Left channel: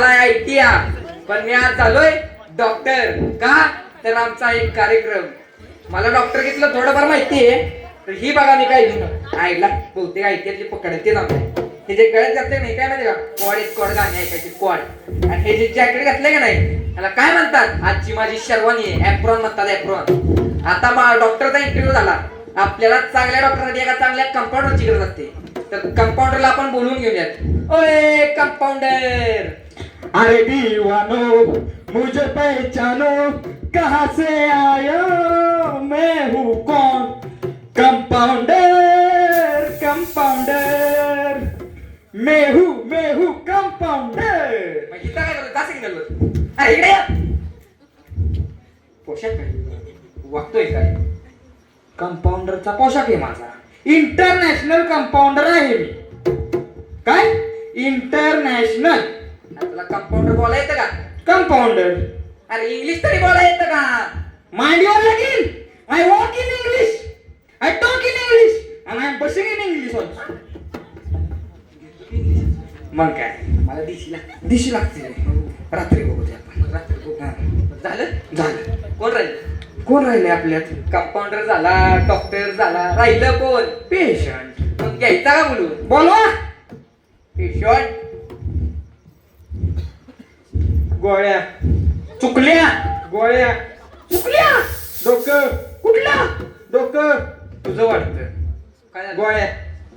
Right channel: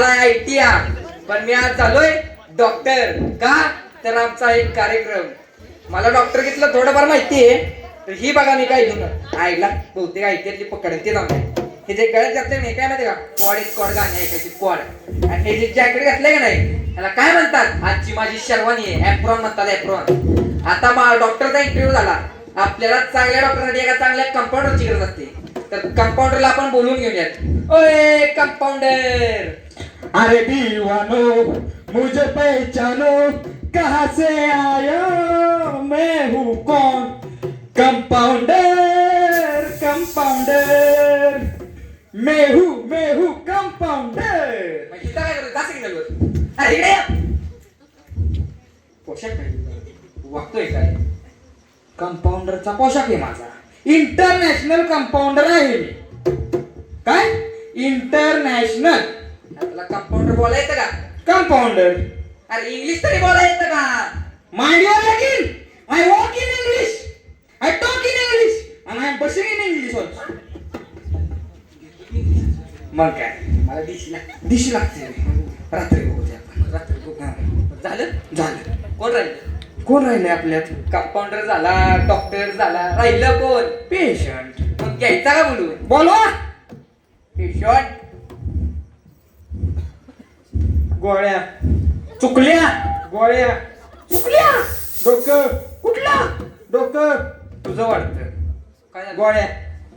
झालाय ITR, पण मी आज झालोय डॉक्टर. का तर आमचा एक कार्यक्रम, मला डॉक्टर घेतलं थोडंफार माहिती आहे. तर ही बघा मी काय घेऊन आईला बहुतेक ITRली पकडते ना. हे जे गळ्यात घातले नाही काय माहिती का, कोड गाणे ऐकायची कोड. आणि हे जे जॅकेट घातलंय का नाही त्याला काय म्हणतात, आजची माझी शेरवानी आहे, एप्रॉन म्हणतात एप्रॉन. आता डॉक्टरचा इंटरव्ह्यू झाला, आपल्याला चांगल्या डॉक्टरसाठी एका चांगल्या कंपाऊंडरची गरज असते. तर कंपाऊंडरला आपण बोलून घेऊयात. ओए कंपाऊंडर. अरे दीवानो मुझे पहचानो, कहाँ से आया मैं हूँ कौन, कंपाउंडर कंपाउंडर, मैं हूँ कंपाउंडर. मग इथं काय करतो, जा सिग्नलवर. अरे इकडे ये. पोशाख वागतोय काय, कंपाऊंडरचा पोशाख आहे माझा. इंटरनॅशनल कंपाऊंडर आहे मी. काय इंटरनॅशनल तुला कंपाऊंडर बोला येतं का? कंपाउंडर. अरे इंग्लिश तरी बोला येतं का? Mind your Latin. I walk in English. I talk in English. And I am pushing in English also. मग काय, मला दिशी लागते. रात्री बघूया आपण, रात्री बघू. झालं. कोण राहिले आपल्यात? कंपाऊंडर झाला, डॉक्टर झाला, राहिलं कोण? पेशंट. मग घ्यायचा का बोलून? बोलवा. पेशंट. गोळ्या चुकल्या, गोळ्या चुकल्या. डोकं कुठला, डोकं तुझं वाटतं. काय झालं? गोळ्या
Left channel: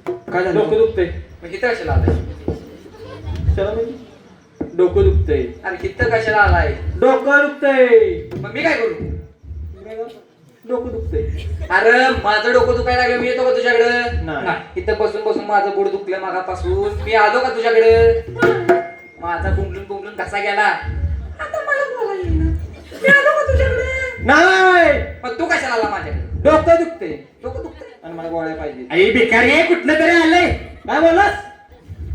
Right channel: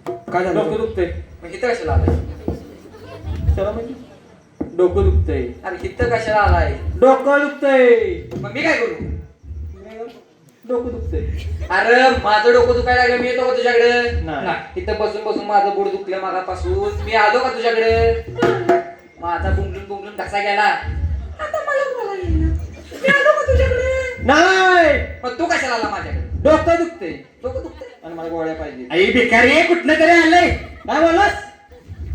काय झालं? डोकं दुखतंय. मग इथं कशाला आलाय? चला म्हणजे डोकं दुखतंय. अरे इथं कशाला आलाय? डोकं दुखतंय. मग मी काय करू? डोकं दुखतंय. अरे माझं डोकं दुखायला लागलं, मी येतो का तुझ्याकडे? नाही. इथं बसून बसून माझं पोट दुखलं मागापासून, मी आलो का तुझ्याकडे? माझा बुंगलून कसा गेला, आता मला बोलायला येईना. मी आलो का तुझ्याकडे? नाही. मग तू कशाला आला माझ्याकडे? डोकं दुखतंय डोकं दुखतंय आणि मला गोळ्या पाहिजे. आई भिकारी कुठलं तरी आलंय. काय बोललास?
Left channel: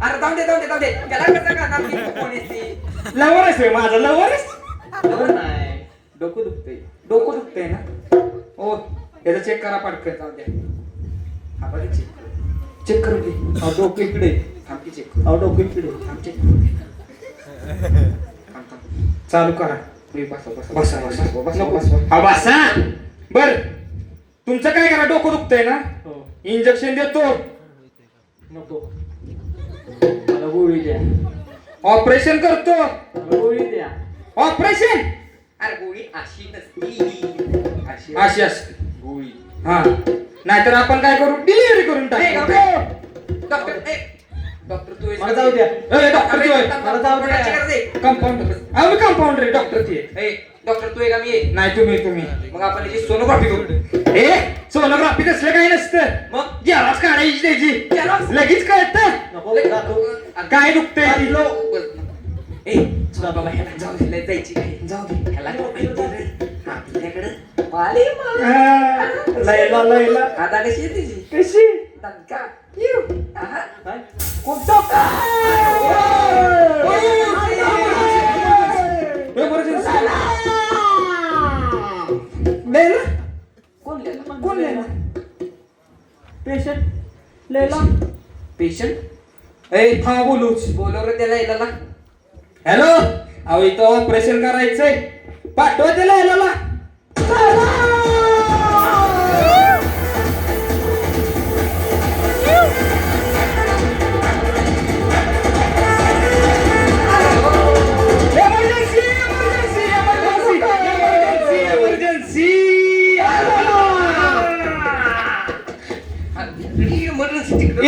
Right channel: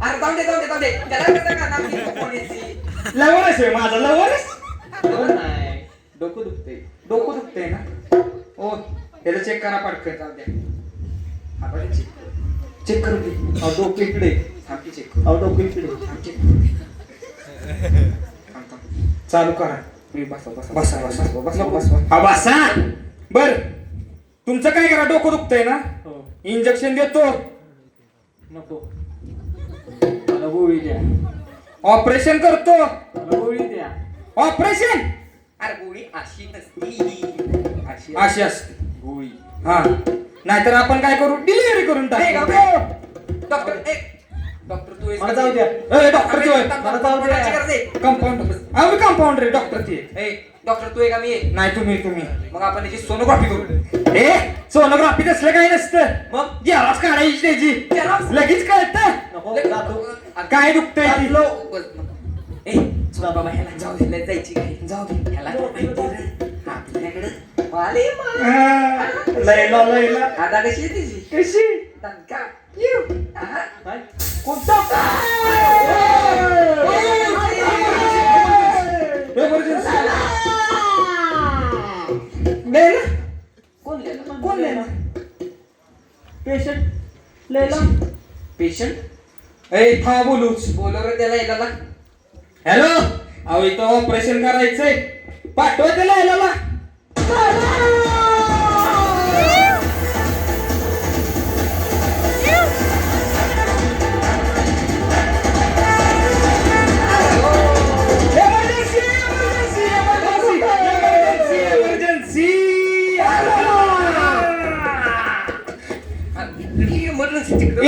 अरे जाऊ दे त्याला कसं करणार मी? कोण आहे ती? लवरच आहे माझा, लवरच. नाही डोकं दुखतंय ना. ओ याला चेक करा पटकन. जाऊ दे. हा बरं चेक करू घे. अहो डोकं इकडे. थांबी चेक करू. अहो डोकं इकडे. थांब चेक करू. चालू करा. बसा. हा बसा. बर तुमचं काय करा, डोकं दुखतंय ना, इंजेक्शन देतो. नको मला गोळी द्या. ऑपरेशन करतो. मला गोळी द्या. ऑपरेशन. अरे गोळी अशी नसती, अशी असते गोळी. हा नाहीतर आपण काय करू, डिलिव्हरी करून टाकू. डॉक्टर तू मला जाऊ द्या. डॉक्टर तू आहे. मला जाऊ द्या. कंपाऊंडर. मी कंपाऊंडर आहे, डॉक्टर ती आहे. डॉक्टर तू आहे का मी आहे? नाही तुम्ही. मग आपण याची सोनोग्राफी करू. सोनोग्राफी तसलं काही नसतं. मग जेरॉक्स काढायची त्याची, Xerox? लगेच कळतं काय दुखतंय ती. बाबा ह्याला जाऊ दे, जायची काय, जाऊ दे ह्याला तो माहिती रे. आपल्याकडे लैला आता कशी आहे तिची? कशी दणका. कोणता कोण लिहिला? पेशंट लैला. पेशंट था बोलूच. बोलव रे त्याला याला. हॅलो. अहो इथं ऑपरेशन करायचंय, पाठवा त्याला याला.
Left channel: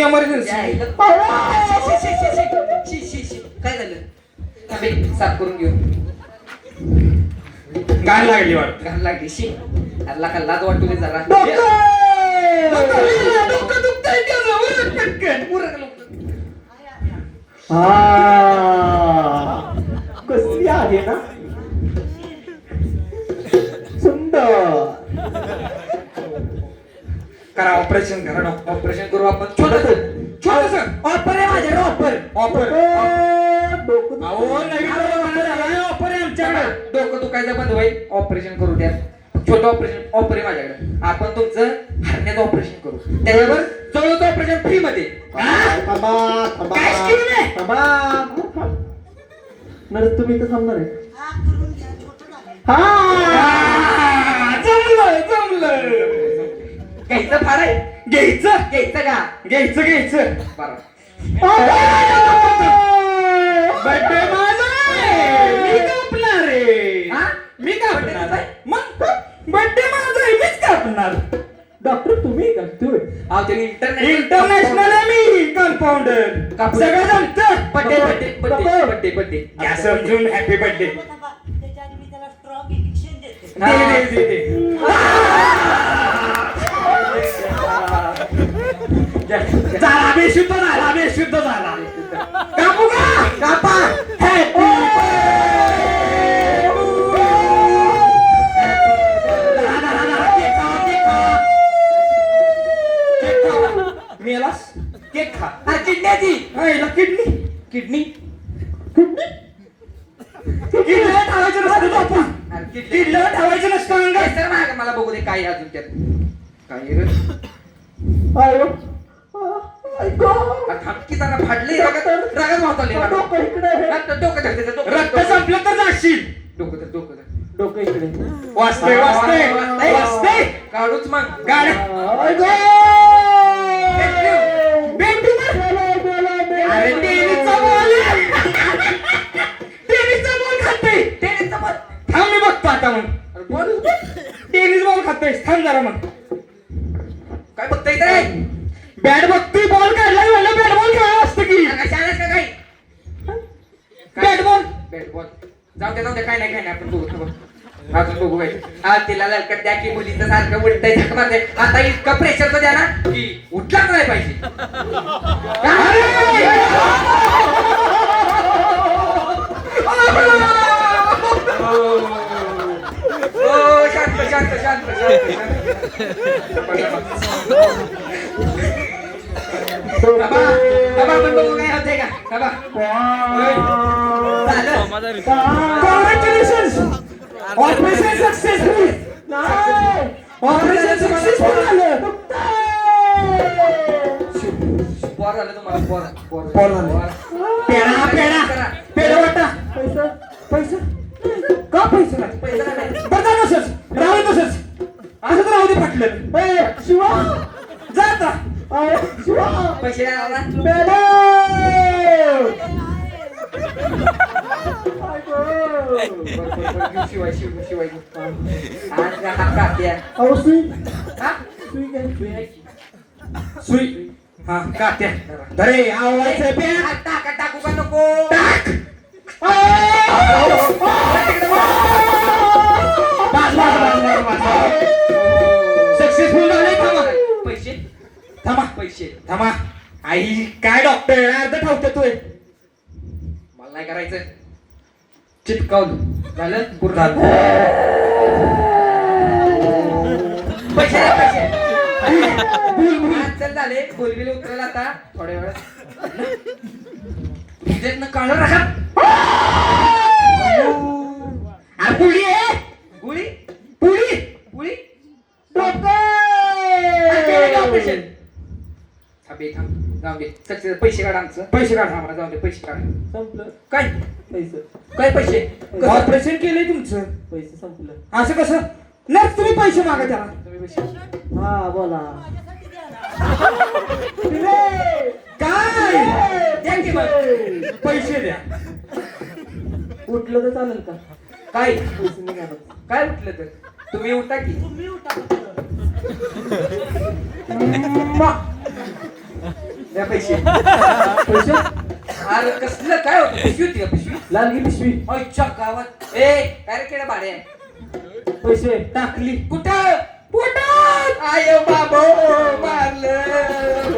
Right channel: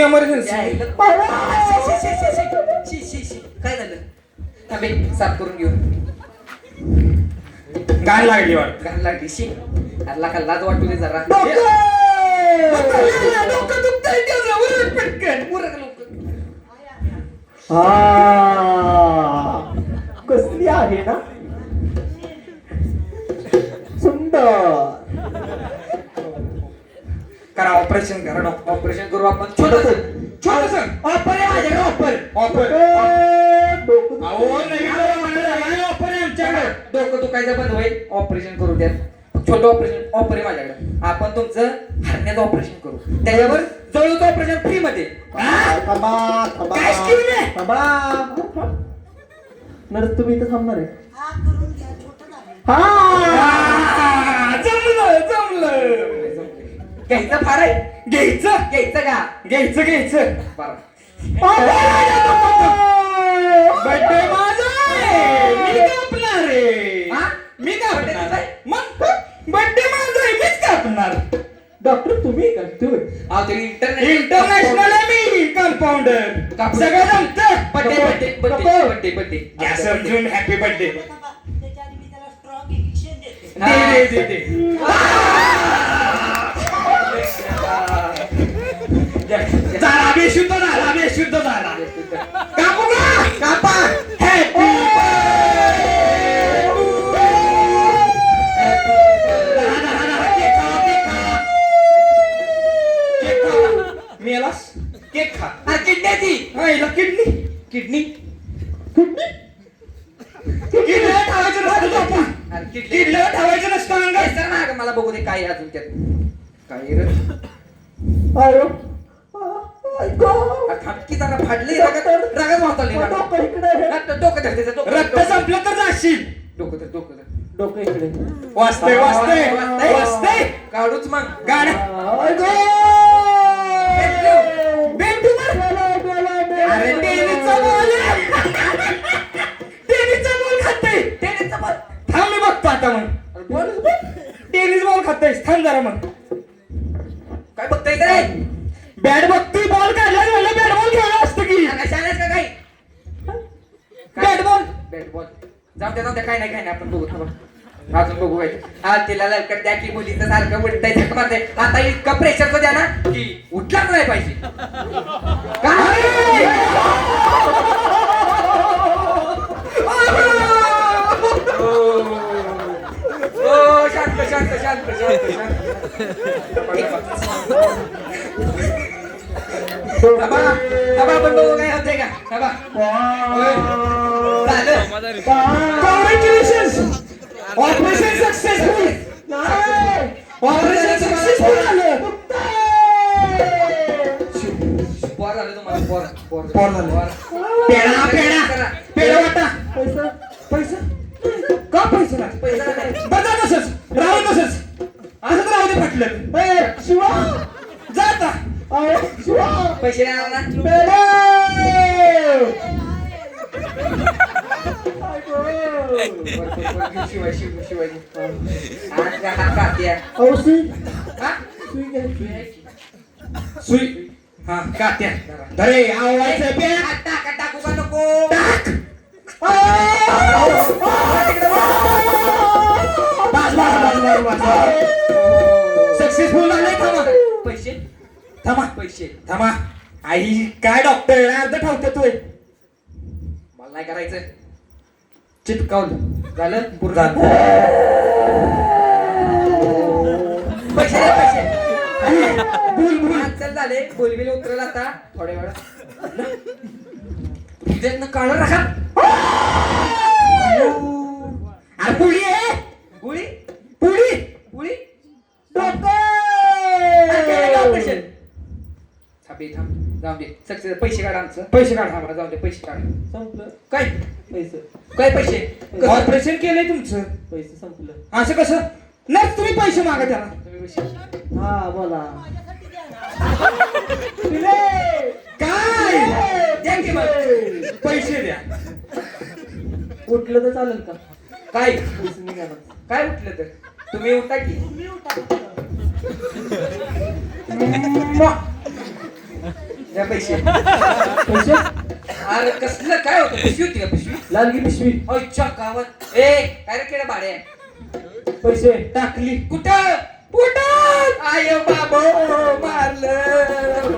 इमर्जन्सी. काय झालं? थांबे, साफ करून घेऊ. गाय लागली वाटत. घाण लागली. शी अल्ला लाज वाटू दे जरा. डोकं दुखतंय त्याचं, पटकन. कसली आहे ना, सुंदर. करा ऑपरेशन करा डॉक्टर. ऑपरेशन करू आपण. छोटस ऑपर आहे माझ्याकडे. ऑपर डोकं आमच्याकडे. डोकं दुखायचं बंद होईल. ऑपरेशन करू द्या. छोटं ऑपर आहे माझ्याकडे. आपण तुमचं हरण्याचं ऑपरेशन करू. त्याच्यावर जवळचं ऑपरेशन फ्री मध्ये. काय स्कीम आहे? नर्स तुम्ही इथं थांबणार आहे? जमलं घ्यायचं फार आहे घ्यायचं घ्यायचं का घ्यायचं बरं बर्थडे माझा आहे. मी कापणार रे हा? मी कापणार मग बर्थडे माझा आहे मीच कापणार डॉक्टर तुम्ही का तुम्ही अहो ते इंटरनॅशनल आहे मी कंपाऊंडर कापू. सगळं जमतं birthday birthday birthday birthday birthday घ्या समजून हॅपी बर्थडे त्याच्या आधी मी त्याला स्ट्रॉंग इंजेक्शन देते. दे झाला बेशुद्ध झाला कापू का कापा हॅपी मेलास केक खा हा किडण्याची हिला किडनी किडनी किडनीला ठेवायचं नसतं बापा अरे किडनी किडनीला ठेवायचं नसतं अंगात सर ना मला बघू दे काय आहे अजून त्यात काय रे आयो ऐको थांबकी जरा फाडली रगत वाहतली डोकं इकडे आहे. डोकं धर त्याचं रक्त डोकं संपलं तर जाशील डोकं धर डोकं धर डोकं इकडे वाचतंय काढूच मग गाडी भेटू अरे टेनिसचा बॉल आहे. टेनिसचा बॉल खातोय टेनिसचा बॉल थांब मी बघतो आता मग अरे बॉल टेनिस बॉल खातोय थांब जरा मग काय बघताय रे बॅट बघतोय बॉल काढला म्हणलं बॅट बॉल खेळला असतं की कशालाच का काय बॅट बॉल बॅट बॉल जाऊ द्या काय नाही आपण बघू थांबा अजून बघू काय हा तिला ललकट द्या की मुलीचं सारखं उठताय झक मारताय आता इतकं प्रेशरचं द्या ना की उठलाच नाही पाहिजे ओ शांत शांत शांत शांत बाबा बाबा आपण बघू काय होतंय का बाबा झालं congratulations operation successful operation successful झालं पोर झालं तुम्हाला पोर पोर झालं. पेढा वाटा पैसा पैसा का पैसा नाही पैसा नाही बरं तसंच राहू तसंच असं तर राहू दे फाटलं शिवा जाता शिवा पैसे नाही आणणार ना शिवाय शिव शिवाय आणि हा कात्या औषधी हा सुई हा कात्या धरे आवाज बॅग टाका टाकू का नको टाक सक्सेसफुल झाले थांबा पैसे थांबा पैसे थांबा आई काय डॉक्टर अर्ध ठावते तोय मला नाही करायचं चिटकावलं झालं पुरता पैसे द्या, पैसे बुल बुल चल झाले बोलबिल उतरल आता थोड्या वेळात तुझ्यातनं काढून राखा पुळी आहे गुळी पुळी गुळी ऑपरेशन थांबे थांब जाऊ दे सक्सेस पैसे काढ आमचं पैसे काढ आम्हाला जाऊ दे पैसे काढ संपलं काय पैसे काय पैसे ऑपरेशन केलंय तुमचं पैसे संपलं असं कसं नर्स तुम्ही पैसे मागा त्याला तुम्ही पैसे हा बोला माझ्यासाठी द्या ना. काय द्या की मग. पैसे द्या उठलं तर चालेल का काय पैसे निघाला काय उठलं तर तुम्ही उठा की तुम्ही उठा. द्या पैसे पैसे अरे कसलं काय होतं पिशवी होती का पिशवी लालगी पिशवी अच्छा गावात ए काय रे केडा भाडे पैसे टाकली कुठं कुठं आयो बाबो मारलं